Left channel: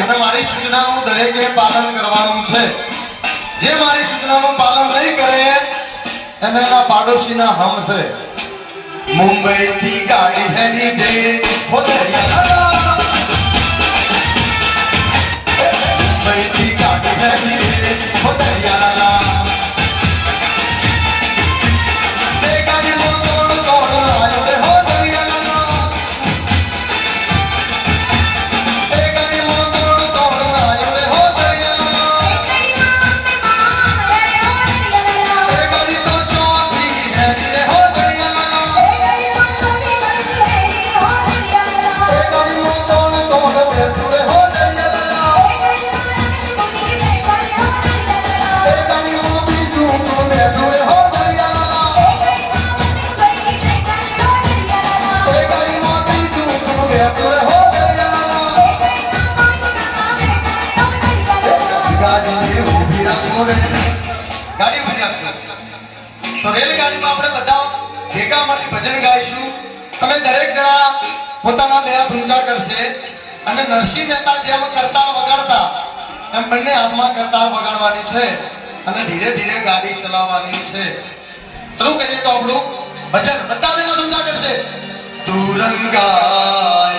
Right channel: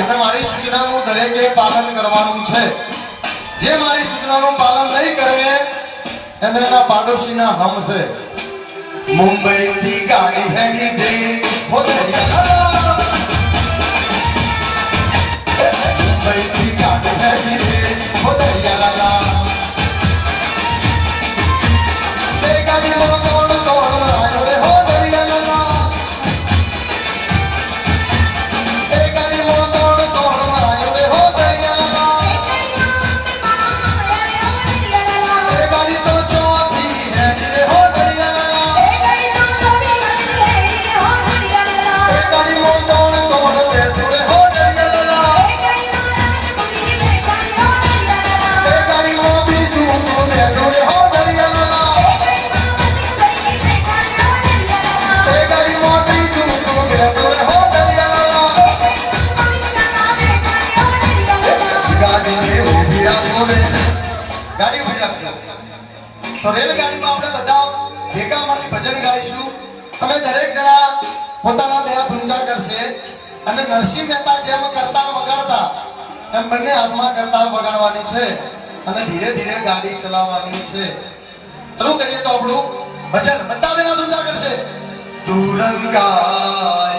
એટલે મારી સૂચનાનું દરેકે પાલન કરવાનું છે. જે મારી સૂચનાનું પાલન નહીં કરે એને એના પાડોશીના હમ છે. મુંબઈ થી ગાડી હેરી દે મુંબઈ થી ગાડી હેરી દે રેલગાડીમાં આપણે બધા ભેગા મળી ભજન ગાઈશું. તમે દરેક જણા પોતાના બે ઊંચા કરશે અને નરસિંહ મહેતા જેમ કરતા વગાડતા એમ બંને હાથમાં કરતા વગાડવાની છે અને ધીરે ધીરે ગાડી ચલાવવાની છે. શરૂ કરીએ તો આપણું ભજન બધા બે ઊંચા કરશે. તુરંગાય